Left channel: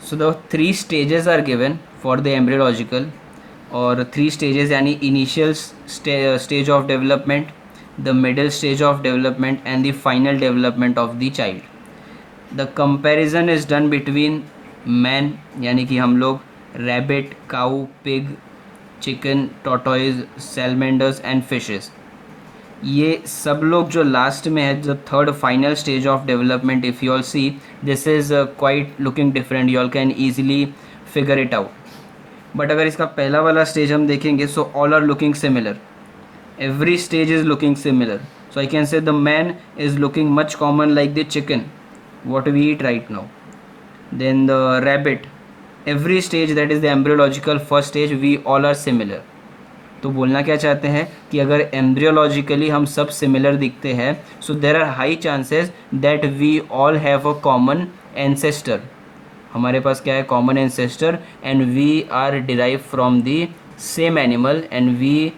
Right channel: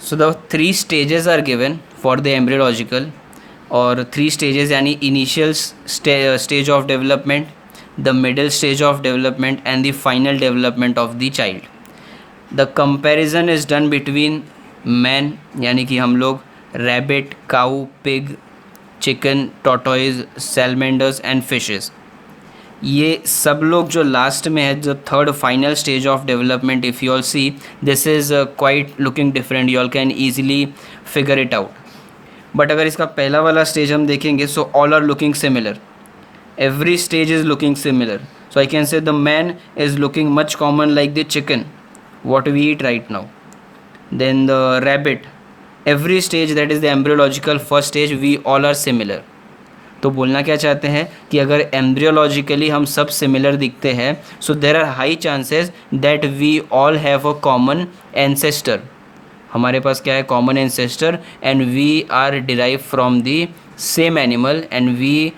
So the three stages are given for the embryological, or three stages यानी initial stage of development, the middle stage of development and the final development of the child. The comparison is done between man यानी कि हम लोग rabbit, cow, pig, chicken, tortoise, salamanders and fishes. ये सब लोग जो last में है, जो third final stage of development, if you all see this is quite looking different, you all can easily figure it out. But अगर इसका पहला वाला स्टेज हम देखेंगे, so all are looking similar, every stage is looking similar. So I can say the man is looking much common like the chicken what we eat right now. Then the rabbit, every stage, that is the embryological first stage, we all are similar. तो बोलना क्या चाहते हैं कि अगर एम्ब्रियोलॉजिकली हम सब similar दिखते हैं, so there are high chances that we all have a common ancestor. हमारे पास क्या है? Common ancestor, and we are derive from the same animal and we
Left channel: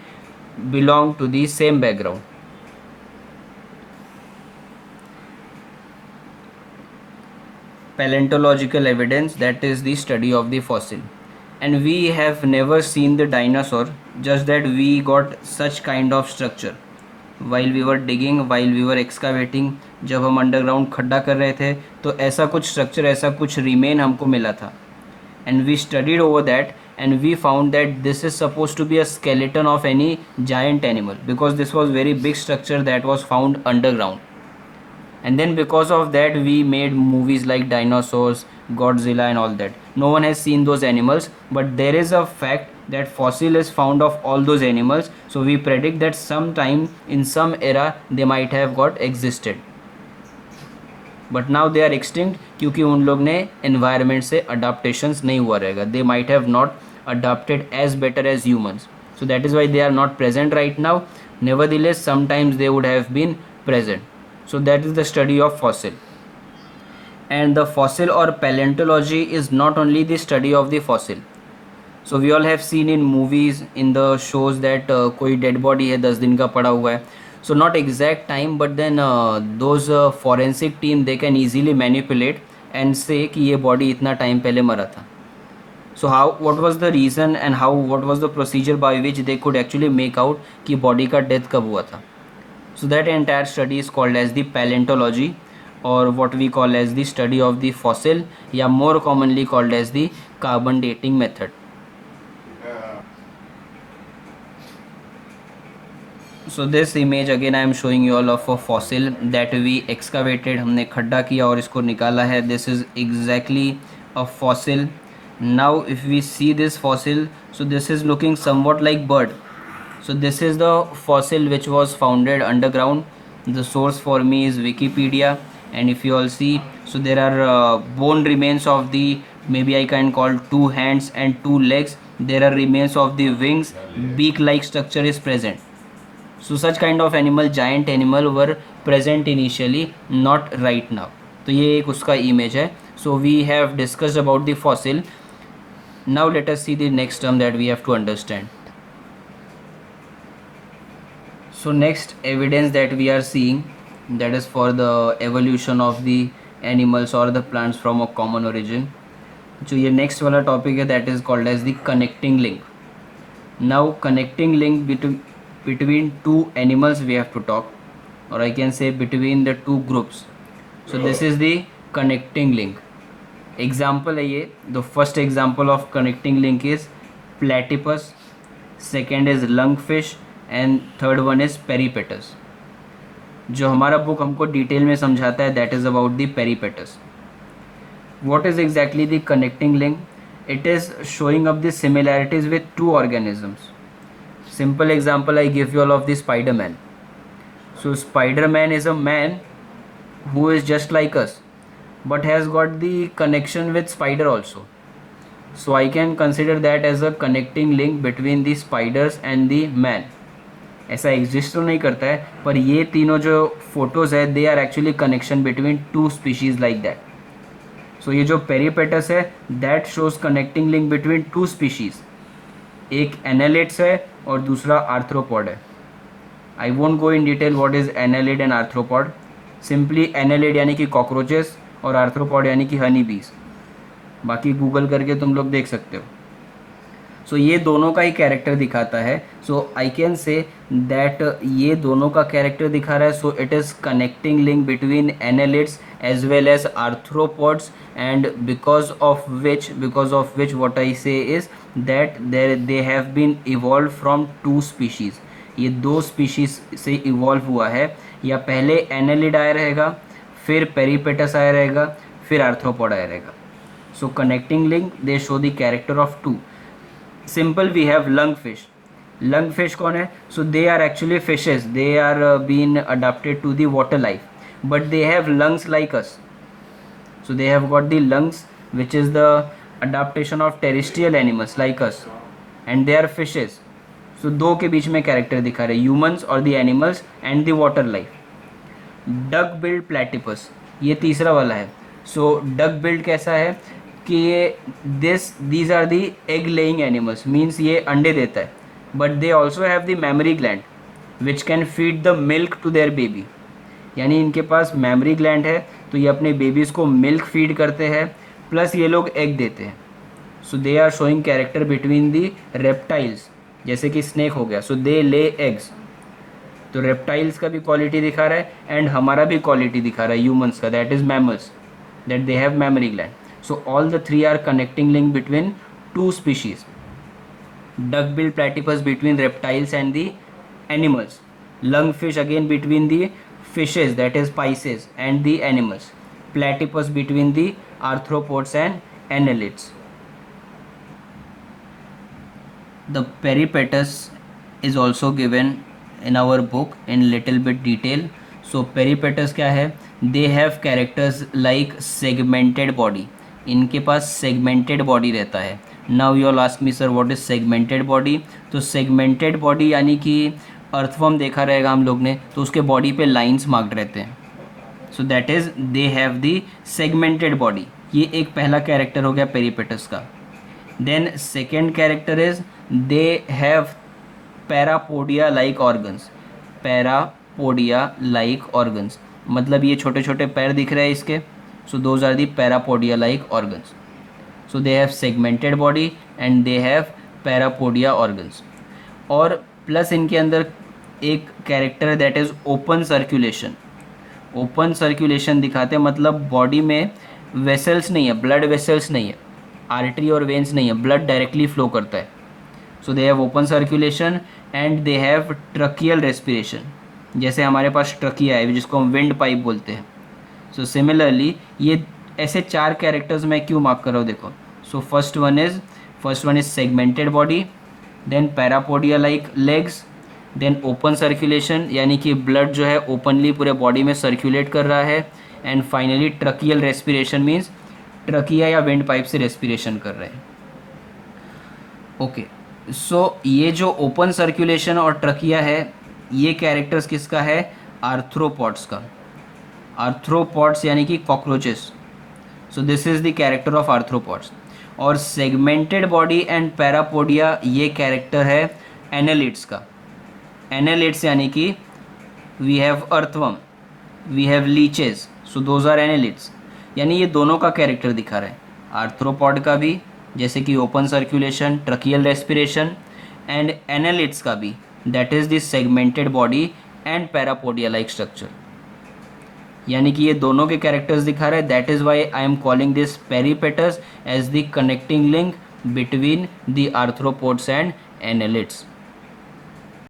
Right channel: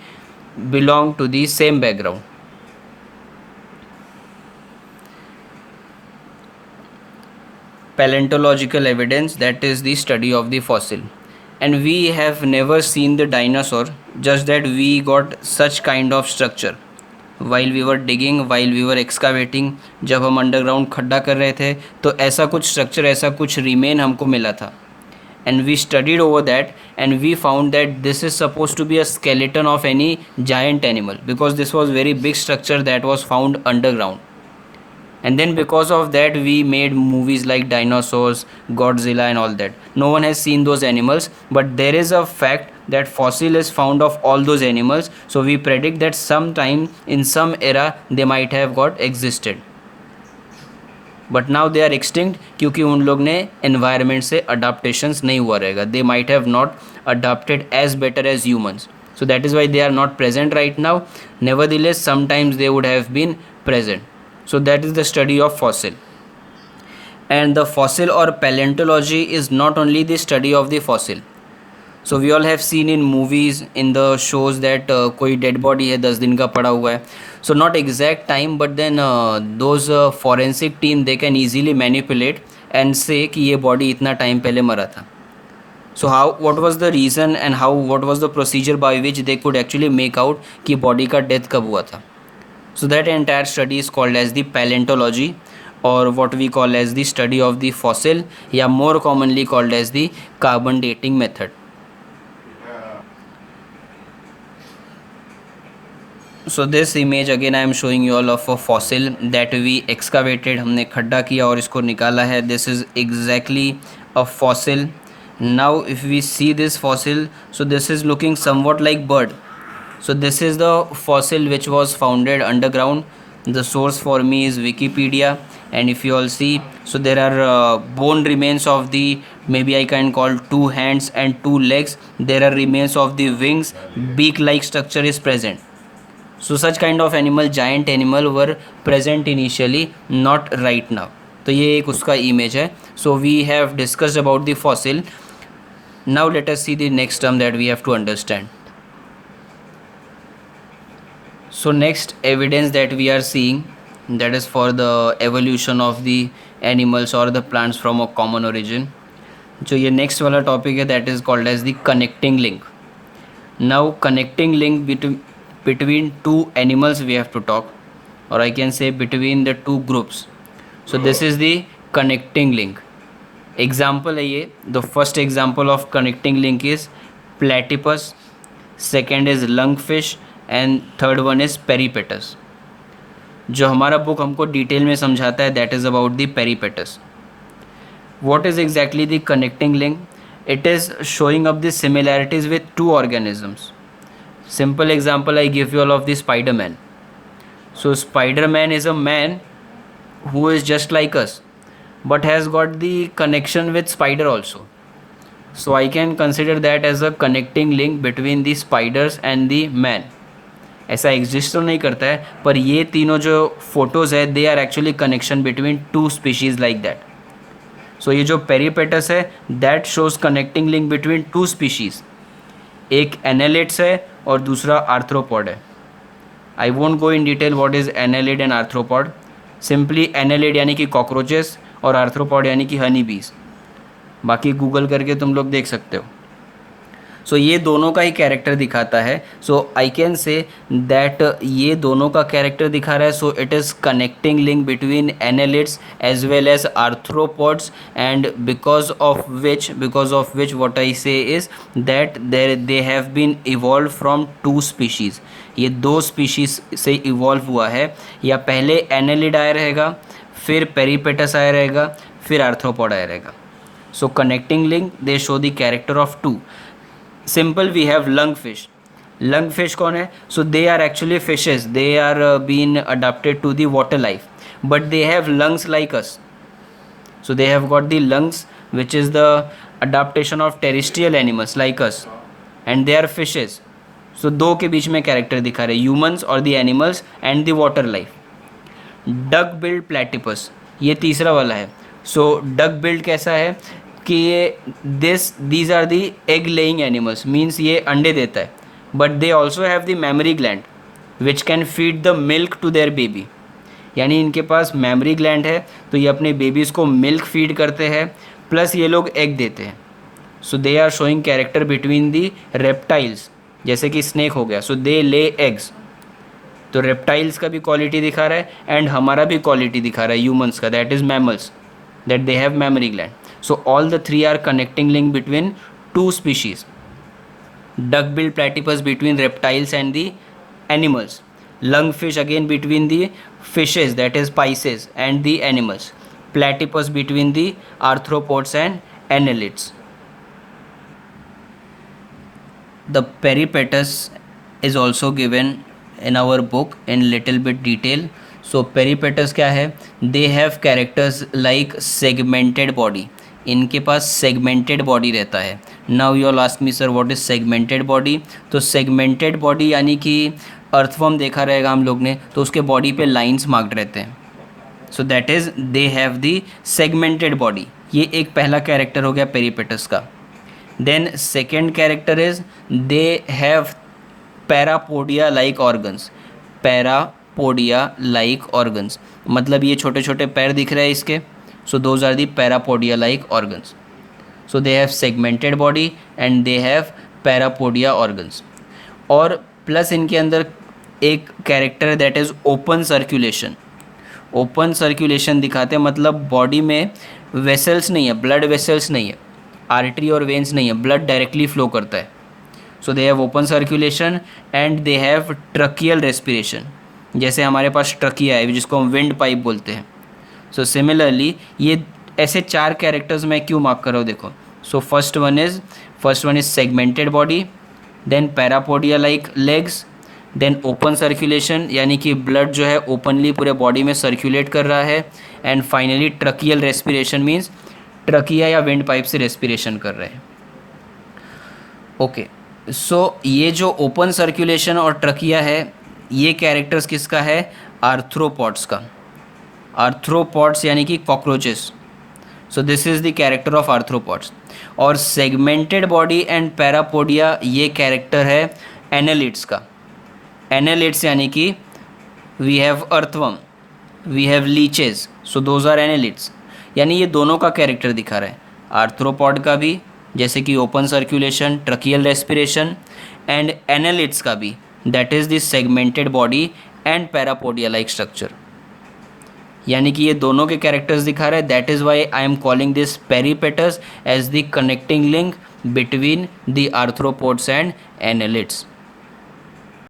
belong to the same background. Paleontological evidence, that is the study of the fossil, and we have never seen the dinosaur, just that we got such kind of structure while we were digging, while we were excavating. जब हम underground खड्डा कर रहे थे तो ऐसा कुछ structure, ऐसा कुछ रिमेन हमको मिला था, and we studied over that and we found that this is supposed to be a skeleton of any giant animal, because this was very big structure that was found underground. And then because of that we made movies like dinosaurs, Godzilla and all that. No one has seen those animals, but there is a fact that fossil is found of all those animals, so we predict that sometime in some era they might have got existed, but now they are extinct, क्योंकि उन लोग ने environment से adaptations नहीं हुआ रहेगा. They might have not adapted as better as humans, so that is why they are not present right now. Nevertheless sometimes they would have been present. So that is the study of fossil. And the fossil और paleontology is not only the study of the fossil. So we all have seen in movies, in the shows that कोई dead body है 10 दिन का पड़ा हुआ है. So not exact time, but then those forensic team, they can easily manipulate and say कि ये body इतना time पहले मरा था. So how, what was the reason and how, what was the procedure by which they could actually make out कि body का death कब हुआ था. So that entire study is called as the paleontology, or what we call as the study of the fossil, या more commonly called as the carbon dating method. So this image again I am showing you all of a fossil that we excavated. हमने खड्डा किया और इसको निकाला है. This is exactly a fossil. Now if we see this fossil, so this is looking somewhat like bird. So this is the fossil which was founded underground. The source for me is Wikipedia, and if you all see, so there are bone remains of the, maybe I can call, 2 hands and 2 legs. There are remains of the wings, beak like structure is present. So such kind of animal, giant animal, were present initially, not right now. तो ये एक उसका image है. So we have discussed about the fossil. Now let us see the next term that we have to understand. So next evidence that we are seeing, that is for the evolution of the animals or the plants from a common origin. जो ये next वाला topic है, that is called as the connecting link. Now connecting link between two animals we have to talk, or I can say between the two groups. So this is the connecting link. Example है ये. The first example of connecting link is platypus, second is lungfish and third one is peripatus. जो हमारा book हमको detail में समझाता है, that is about the peripatus. What is exactly the connecting link? It is showing up the similarities with two organisms. Simple example I give you all of the Spider-Man. So Spider-Man is a man who is just like us, but has got the connection with spider also. So I can consider that as a connecting link between the spiders and the man. ऐसा exist तो नहीं करता है, पर ये तीनों जो photos है, they are actually connection between 2 species like that. So ये जो पेरीपेटस है, that shows connecting link between 2 species. एक एनालिड्स है और दूसरा आर्थ्रोपॉड है. I won't go in detail what is annelid and arthropod. Simply annelid यानी कि कॉकरोचेस और आर्थ्रोपॉड यानी कि हनी बीज. बाकी गूगल करके तुम लोग देख सकते हो। सो ये दोनों का ही कैरेक्टर दिखाता है। सो आई कैन से दैट ये दोनों का कैरेक्टर दिखा रहा है। So it is connecting link between annelids as well as arthropods, and because of which what I say is that they have been evolve from two species. ये दो species से evolve हुआ है। या पहले एनालिड आया रहेगा, फिर पेरीपेटस आया रहेगा, फिर आर्थ्रोपॉड आया रहेगा। So connecting link they show the character of two. Simple we have lung fish. Lung fish कौन है? So they are actually fishes, they are been adapted to the water life but they have lungs like us. So they have got the lungs which is the adaptation of terrestrial animals like us, and they are fishes. So दो के बीच में character दिखा रहे, humans और the animals and the water life. Duck billed platypus, ये तीसरा वाला है। सो डक बिल्ड कैसा है कि ये these are the egg laying animals, means ये अंडे देता है, but they also have the mammary gland which can feed the milk to their baby. यानी इनके पास मेमरी ग्लैंड है, तो ये अपने बेबीज़ को मिल्क फीड करते हैं, प्लस ये लोग एग देते हैं। So they are showing character between the reptiles, जैसे कि स्नेक हो गया, सो दे ले एग्स। तो रेप्टाइल्स का भी क्वालिटी दिखा रहा है एंड हमारा भी क्वालिटी दिखा रहा है ह्यूमंस का, that is mammals, that they have mammary gland. So all the three are connecting link between two species. Duck-billed platypus between reptiles and the animals. Lungfish again between the fishes, that is Pisces, and the animals. Platypus between the arthropods and annelids. The peripatus is also given in our book in little bit detail. So peripatus क्या है? They have characters like segmented body. इनके पास segmented body रहता है। Now you ask me sir what is segmented body? तो segmented body यानी कि earthworm देखा रहेगा हम लोग ने, तो उसके बॉडी पे लाइंस मार्क्ड रहते हैं। So that is they have the segmented body. ये एक पहला कैरेक्टर हो गया पेरीपेटस का। Then second character is they have parapodia like organs. Parapodia like organs मतलब ये छोटे छोटे पैर दिख रहे हैं इसके। So those are the parapodia like organs. So they have segmented body and they have parapodia organs. और प्लस इनके अंदर एक कैरेक्टर है that is open circulation. Open circulation दिखाते हैं, मतलब बॉडी में वेसल्स नहीं है, ब्लड वेसल्स नहीं है, आर्टरी और वेन्स नहीं है, ब्लड डायरेक्टली फ्लो करता है। So they have open circulation and they have tracheal respiration. जैसे हमारे पास ट्रकिया है जिसको हम विंड पाइप बोलते हैं। सो सिमिलरली ये ऐसे चार कैरेक्टर्स मैं क्यों मार्क कर रहा हूँ देखो। So first one is segmented body, then parapodia like legs, then open circulation यानी कि ब्लड जो है ओपनली पूरे बॉडी में सर्कुलेट कर रहा है, and finally tracheal respiration means trachea या विंड पाइप से रेस्पिरेशन कर रहे हैं। ओके, सो ये जो ओपन सर्कुलेशन और ट्रकिया है ये कैरेक्टर्स किसका है? आर्थ्रोपॉड्स का। आर्थ्रोपॉड्स यानी कि cockroaches. So this is the character of arthropods. और सेगमेंटेड बॉडी एंड पैरापोडिया ये कैरेक्टर है एनालिड्स का। एनालिड्स यानी कि we have earthworm, we have leeches, so those are annelids. यानी ये दोनों का कैरेक्टर दिखा रहा है, आर्थ्रोपॉड का भी जैसे कि open circulation, tracheal respiration, and annelids का भी that is the segmented body and parapodia like structure. यानी कि ये दोनों के कैरेक्टर्स दिखा रहे हैं। That is why I am calling this peripatus as the connecting link between the arthropods and annelids.